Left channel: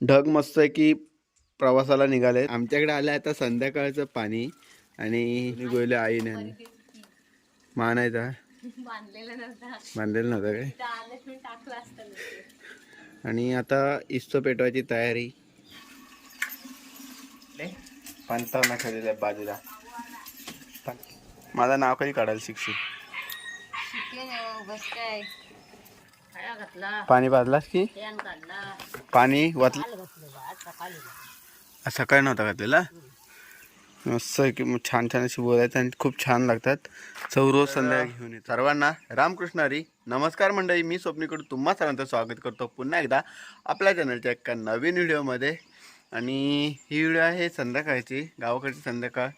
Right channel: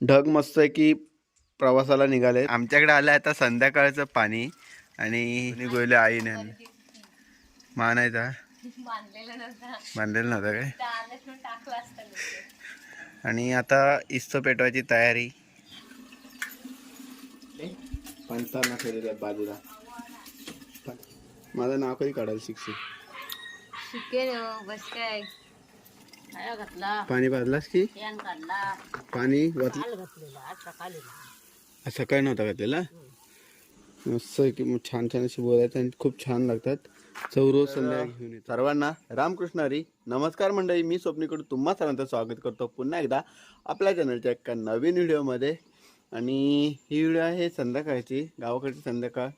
ढग मस्त आहे की प्रवासाला निघाले. आमच्याकडे आलं आता संध्याकाळचं पाणी आणि कोणी गोयले आईने मानायचा बांधलेलं नव्हता. बांधलेलं नव्हतं काय. आणि आता इस्तो पेटवायची तयारी. पंचावन्न ठेवलेलं आहे बाजूला. माझं नाव कधी काढायला शिकशील शिकेन हो, बस काय काय घातला पाणी पाजलास की? पाणी वाचलं सकाळी नव्हता घातलेला? मस्त आहे की मग छान छान अशी बोलायचं आणि खूप छान लागतात. चौरोज संध्याकाळी घेऊन येतो. सर्वांना रामकृष्ण हरी नमस्कार मंडळी. मी स्वप्नीकडून तुम्हा सर्वांचं स्वागत करतो. पुन्हा एकदा आपल्या चॅनलच्या एका नवीन व्हिडिओमध्ये. आणि ही व्हिडिओ आहे संध्याकाळची गावाकडची संध्याकाळ.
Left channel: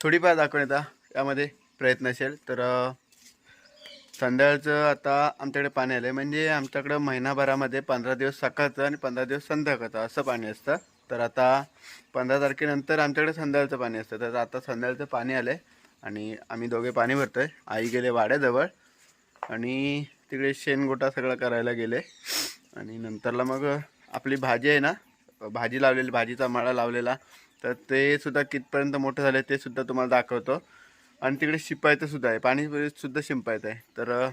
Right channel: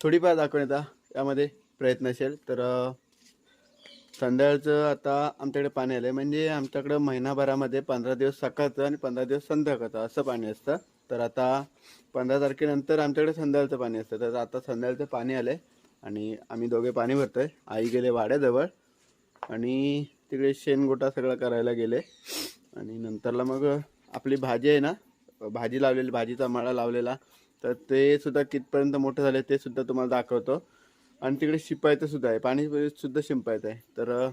थोडीफार दाखवण्याचा यामध्ये प्रयत्न असेल तर संध्याकाळचं आता आमच्याकडे पाणी आलं आहे म्हणजे आमच्याकडं महिनाभरामध्ये पंधरा दिवस सकाळचं आणि पंधरा दिवस संध्याकाळचं असं पाणी असतं. तर आता पंधरा तारखेनंतर आमच्याकडे संध्याकाळचं पाणी असतं. तर आता संध्याकाळचं पाणी आलं आहे आणि आम्ही दोघे पाणी भरतो आहे आई गेले वाड्याजवळ आणि तिकडे शेणगोटा सगळं करायला गेले. आणि नंतरला मग आपली भाजी आहे ना भाजी लावलेली भाजीचा मळा लावलेला. तर ते सुद्धा कितपर्यंत मोठं झालं ते सुद्धा तुम्हाला दाखवतो. आणि तिकडे शिंपायचं सुद्धा आहे. पाणी सुद्धा शिंपायचं आहे. तर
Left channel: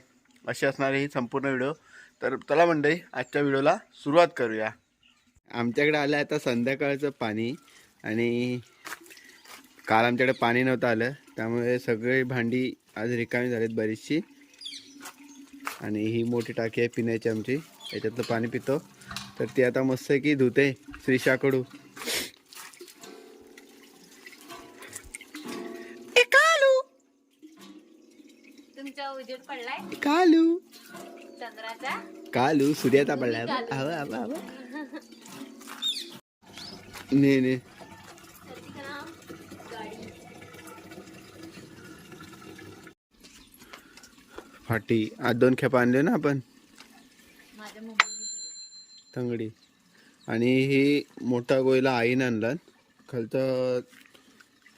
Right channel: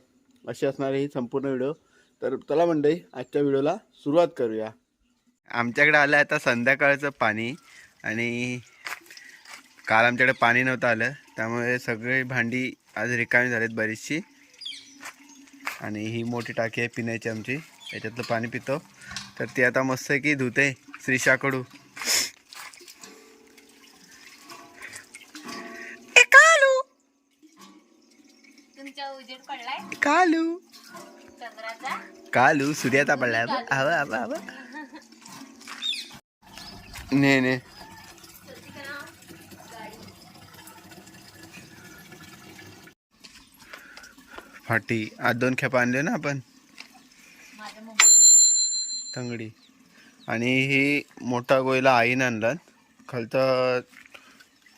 अशी असणारी ही संपूर्ण व्हिडिओ. तर चला मंडळी आजच्या व्हिडिओला सुरुवात करूया. आमच्याकडे आलं आता संध्याकाळचं पाणी आणि काल आमच्याकडे पाणी नव्हतं आलं. त्यामुळे सगळी भांडी आज रिकामी झालीत बरीचशी. आणि ही मोठी टाकी आहे पिण्याची आमची. याच्यातलं पाणी पितो. तर ती आता मस्त आहे की धुते. श्रीशाकडू तुमचा उजेड पडलाय? कालू. चंद्राचा? कालू सूर्याचा पडला हवा हवा हवा ने ने. फाटी आज दोन खेपा आणले ना आपण? तंगडी. आणि ही मोठा गोयला आईने आणला खालचा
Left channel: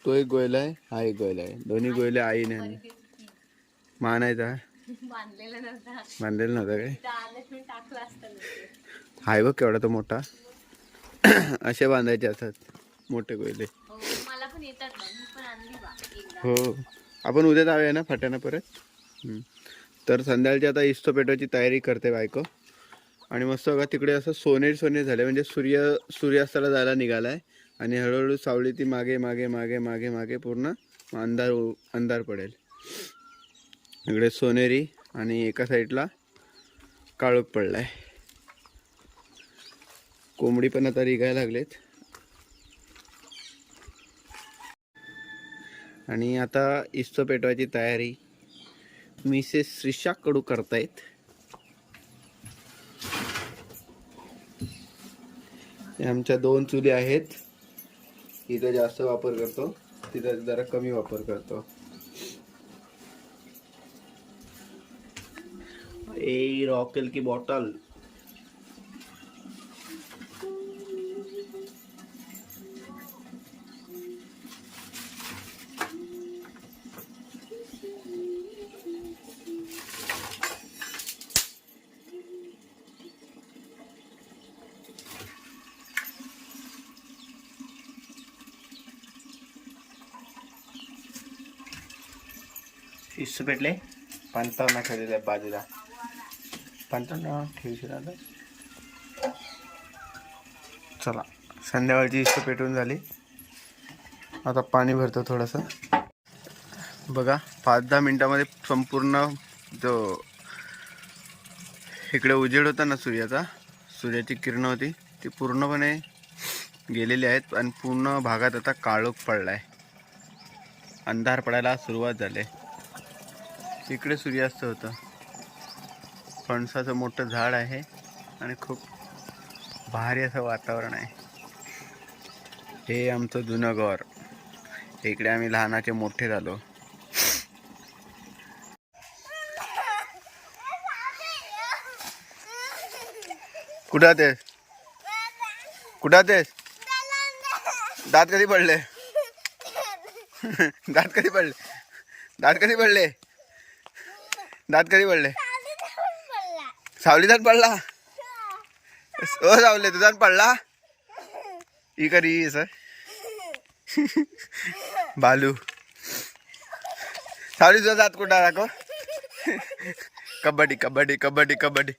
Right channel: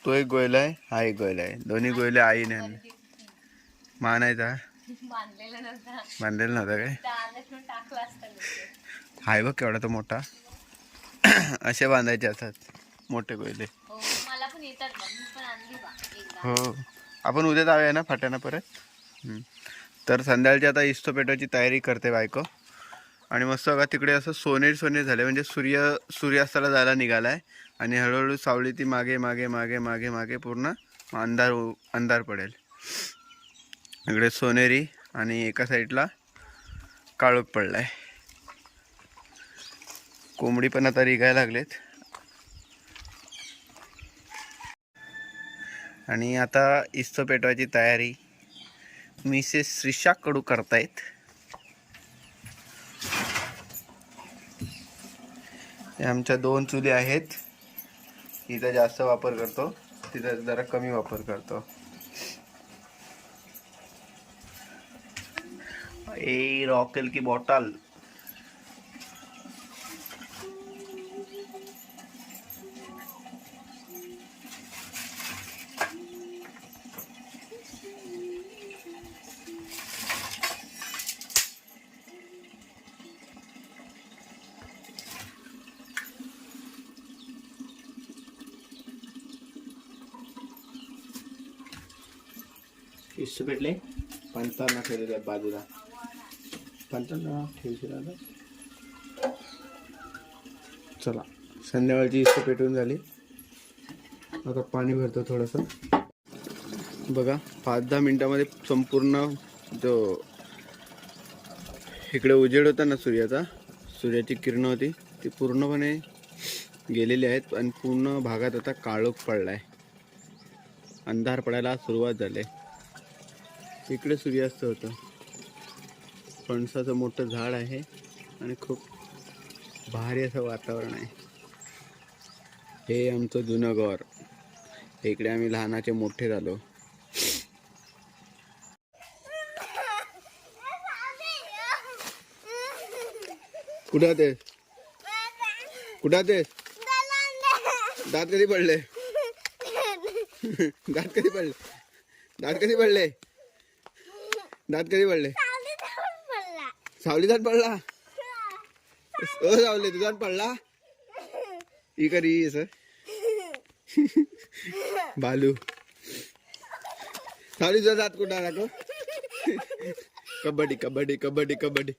तो एक गोयला आहे हा एक गोयला आहे. दोन्ही गोयले आईने आणले मानायचा बांधलेलं नव्हता. बांधलेलं नव्हतं काय? टाकलं. हाय बघ केवढा तो मोठा. असे बांधायचे असतात मोठे गोयले हो मला पण येतात हो. आपण उद्या जाऊया ना फाट्यानं परत. तर संध्याकाळची आता इस्तो पेटवायची तयारी करते बायको. आणि मस्त बघा तिकडे असं सोनेरी सोनेरी झाले. म्हणजे सूर्य सूर्यास्ताला जायला निघाला आहे आणि हळूहळू सावली ती मागे मागे मागे मागे मागे पूर्ण अंधार अंधार पडेल. इकडे सोनेरी आणि एका साईडला काळोख पडला आहे कोंबडी पण आता रिघायला लागलेत. आणि आता इस्तो पेटवायची तयारी. मिसेस श्रीषा कडू करतायत आमच्या दोन चुली आहेत. इथं जास्त वापर करतो. तिथं जरा कमी वापर करतो. ए रॉकेल की बॉटल इस्त पेटले पंचावन्न ठेवलेले आहे बाजूला पंचावन्न ठेवशील आता. चला संध्याकाळची इष्ट पेटून झाली. आता पाणी भरतो थोडंसं. बघा पाच दहा मिनटामध्ये संपूर्ण जो इकडे उजेड होता ना सूर्याचा सूर्याची किरणं होती ती पूर्णपणे गेलेली आहेत आणि पूर्ण भागात आता काळोख पडला आहे अंधार पडायला सुरुवात झाली आहे. इकडे सूर्यास्त होतं. फणसाचं मोठं झाड आहे आणि खूप भारी असं वातावरण आहे. हे आमचं जुनं घर. इकडे आम्ही लहानाचे मोठे झालो. कुठं तेस कुठं तेस दात कधी पडले? दात कधी पडले? दात कधी पडले? दात कधी पडले? सावली दात पडला? ओ सावले तुझा दात पडला? ही करी सर. बालू. सावली तुझा जात कुठं दाखव कबड्डी कबड्डी कबड्डी कबड्डी.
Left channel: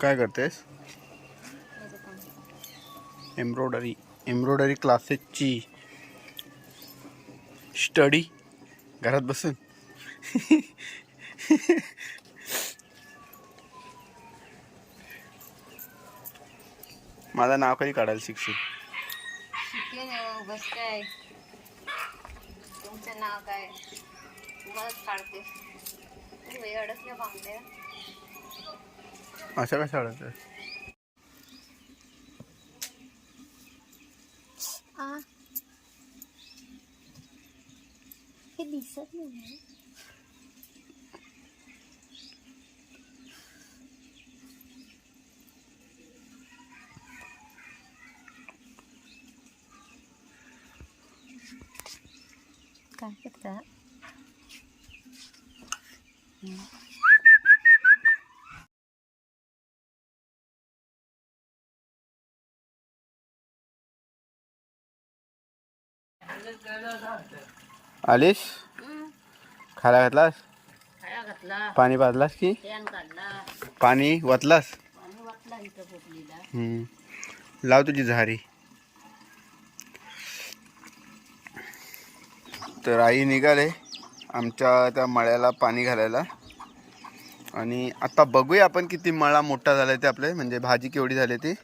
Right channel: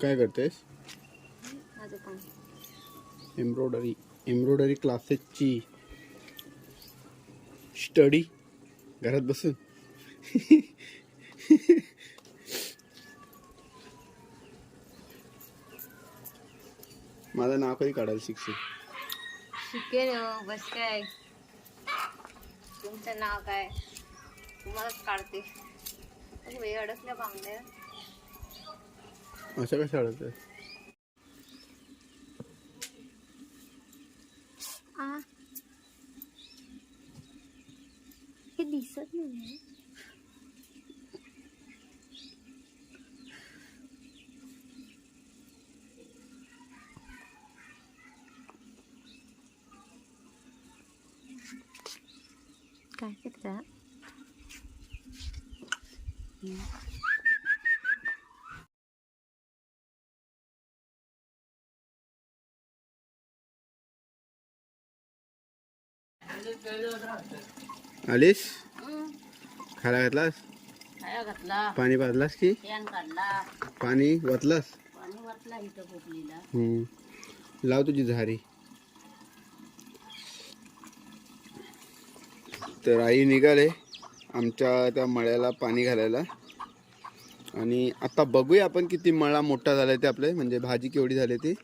काय करतेस? एम्ब्रॉयडरी एम्ब्रॉयडरी क्लासेसची स्टडी. घरात बसून. माझं नाव कधी काढायला शिकशील. शिकेन हो, बस काय. तुमचं नाव काय? तुम्हालाच काढते. वेळ अडकल्या बांगड्या अशा कशा अडत आ. हे दिसत नाही काय करता? आलीस? खायला घातलास? खाया घातला. पाणी पाजलास की? पाणी वतलास. लाव तुझी झारी. तर आई निघाले आमच्या त्या मळ्याला पाणी घालायला. आणि आता बघूया आपण किती मळा मोठा झालाय ते आपले म्हणजे भाजी केवढी झाली ती.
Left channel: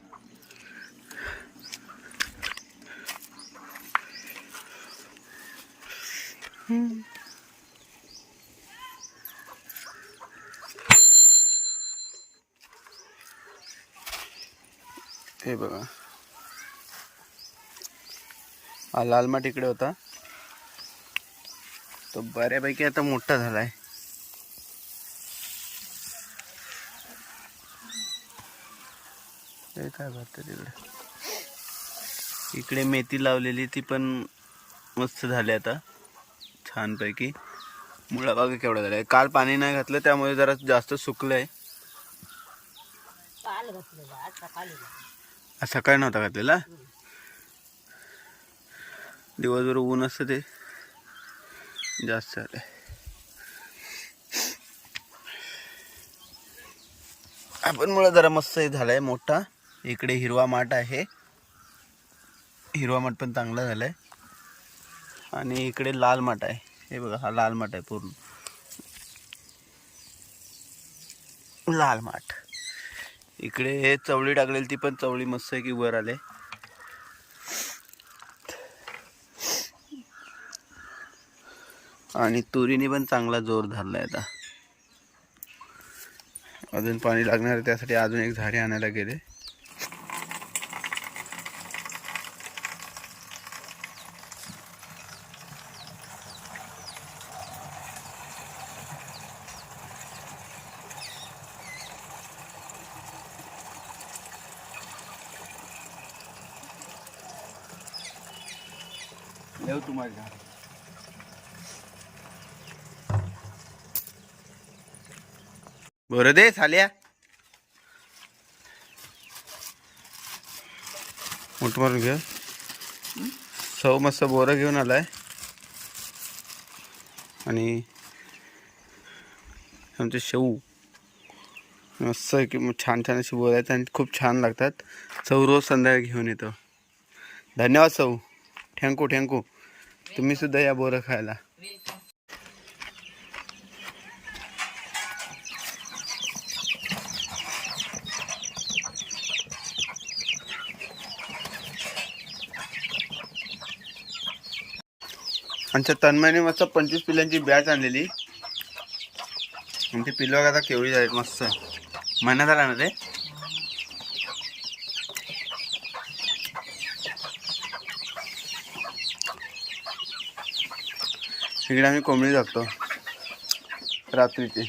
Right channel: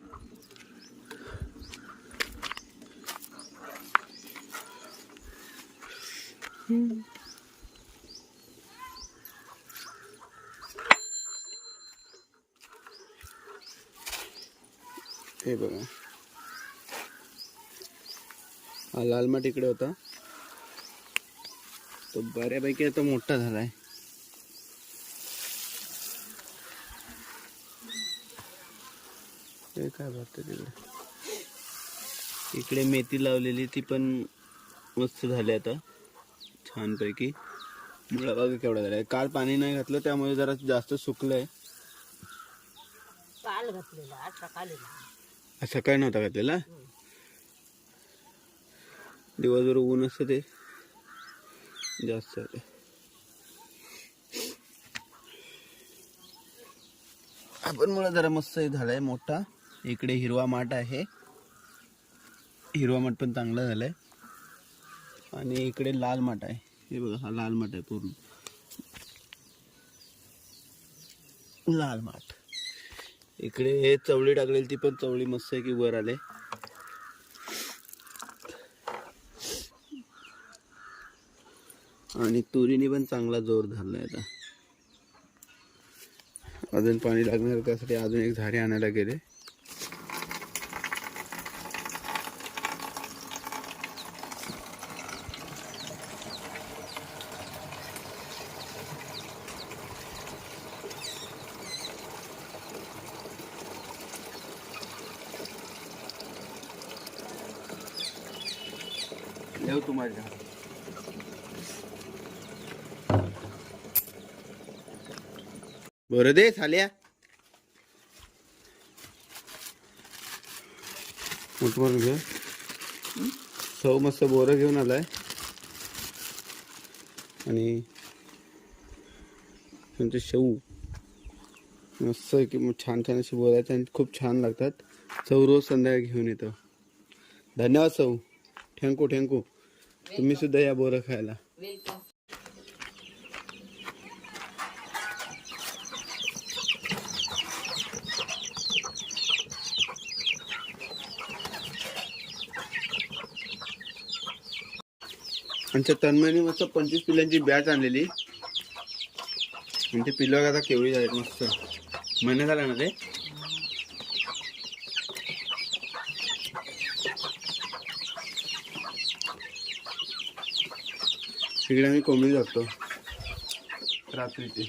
हे बघा. हा लाल माठ इकडे होता. तो बऱ्यापैकी आता मोठा झालाय. हे काय भरतं तिकडे? इकडे मेथी लावलेली ती पण मस्त झाली आता छानपैकी. मुळा बागा केवढा झालाय? काल पाणी नाही घातलं त्यामुळे जरा जास्त काल घातलेला आज सकाळी आज सकाळी नव्हता घातलेला? दिवसभर ऊन असतं ते. जास्त झाले आपण मुळे जरा मस्त झालाय मोठा. इकडे हिरवा माठ आहे. हिरवा माठ पण चांगला झालाय. आणि इकडे लाल माठ आहे. हे बघा हा लाल माठ आहे पूर्ण. लाल माठ. इकडे हे चवळी टाकलेली ती पण चवळी मस्त आहे की वर आले आणि तुरीने पण चांगला जोर धरलाय आता. अजून पाणी लागणार आहे त्यासाठी अजून एक झाडे आणायला गेले. तुम्हाला. बरं दे झाल्या मोठ मारून घे. सव मस्त बोरं घेऊन आलाय. आणि आमचे शेऊ मस्त आहे की छान छान अशी बोरं आहेत आणि खूप छान लागतात. चव रोज संध्याकाळी घेऊन येतो. धन्यवाद सौ. थँक्यू थँक्यू तुम्ही सुद्धा या बोरं खायला. आमच्या तन्मयने मस्त पंचवीस पिल्लांची बॅच आणलेली. आणि ते पिल्लं आता केवळी झालीत मस्त. महिना झाला ना ते? इकडे आम्ही कोंबडी जातो रात्रीची.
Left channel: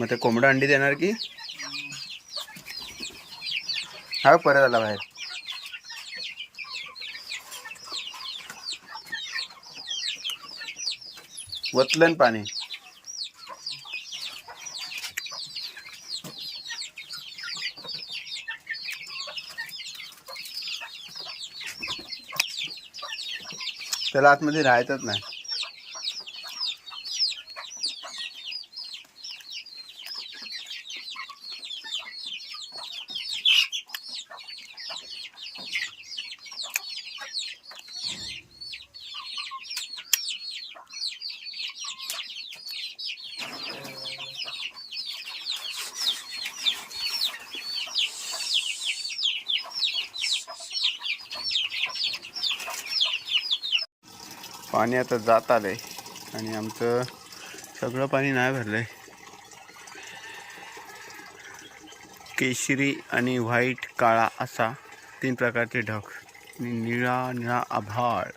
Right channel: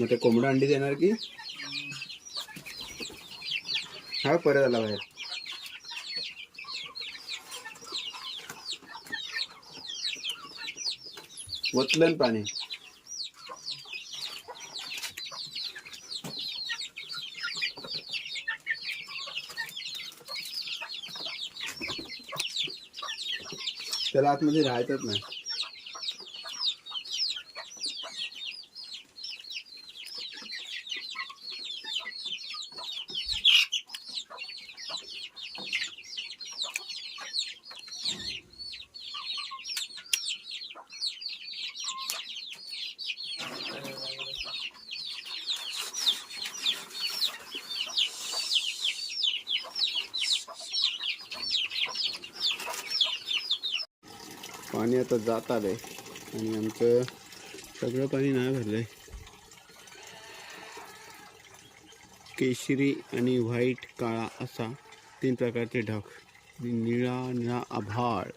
मग ते कोंबडं अंडी देणार की? हा परत आला बाहेर. वतलन पाणी. त्याला आतमध्ये राहतच नाही. पाणी आता जात आलंय आणि आमचं सगळं पाणी नाही भरलंय. केशरी आणि व्हाईट काळा असा तीन प्रकारचे ढग. आणि निळा निळा आभाळ.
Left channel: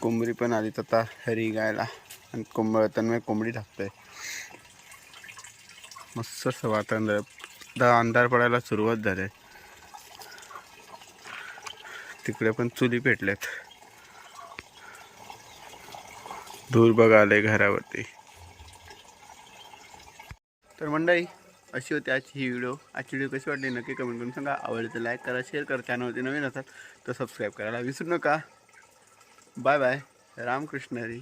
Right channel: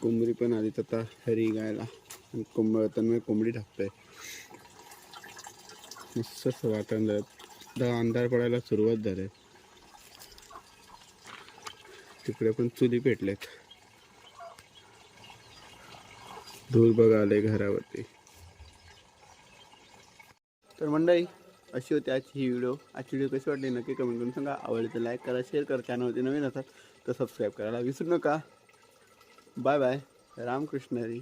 कोंबडी पण आली आता हरी गायला. आणि कोंबड त्यांना कोंबडी टाकतंय मस्त असं वातावरण झालं. आता अंधार पडायला सुरुवात झाली. तिकडे पण चुली पेटल्यात. धूर बघा आले घरावरती. तर मंडई अशी होती आजची ही व्हिडिओ आजची व्हिडिओ कशी वाटली नक्की कमेंट करून सांगा. आवडली तर लाईक करा शेअर करा. चॅनलवरती नवीन असाल तर सबस्क्राईब करायला विसरू नका. Bye bye Ramakrishna Hari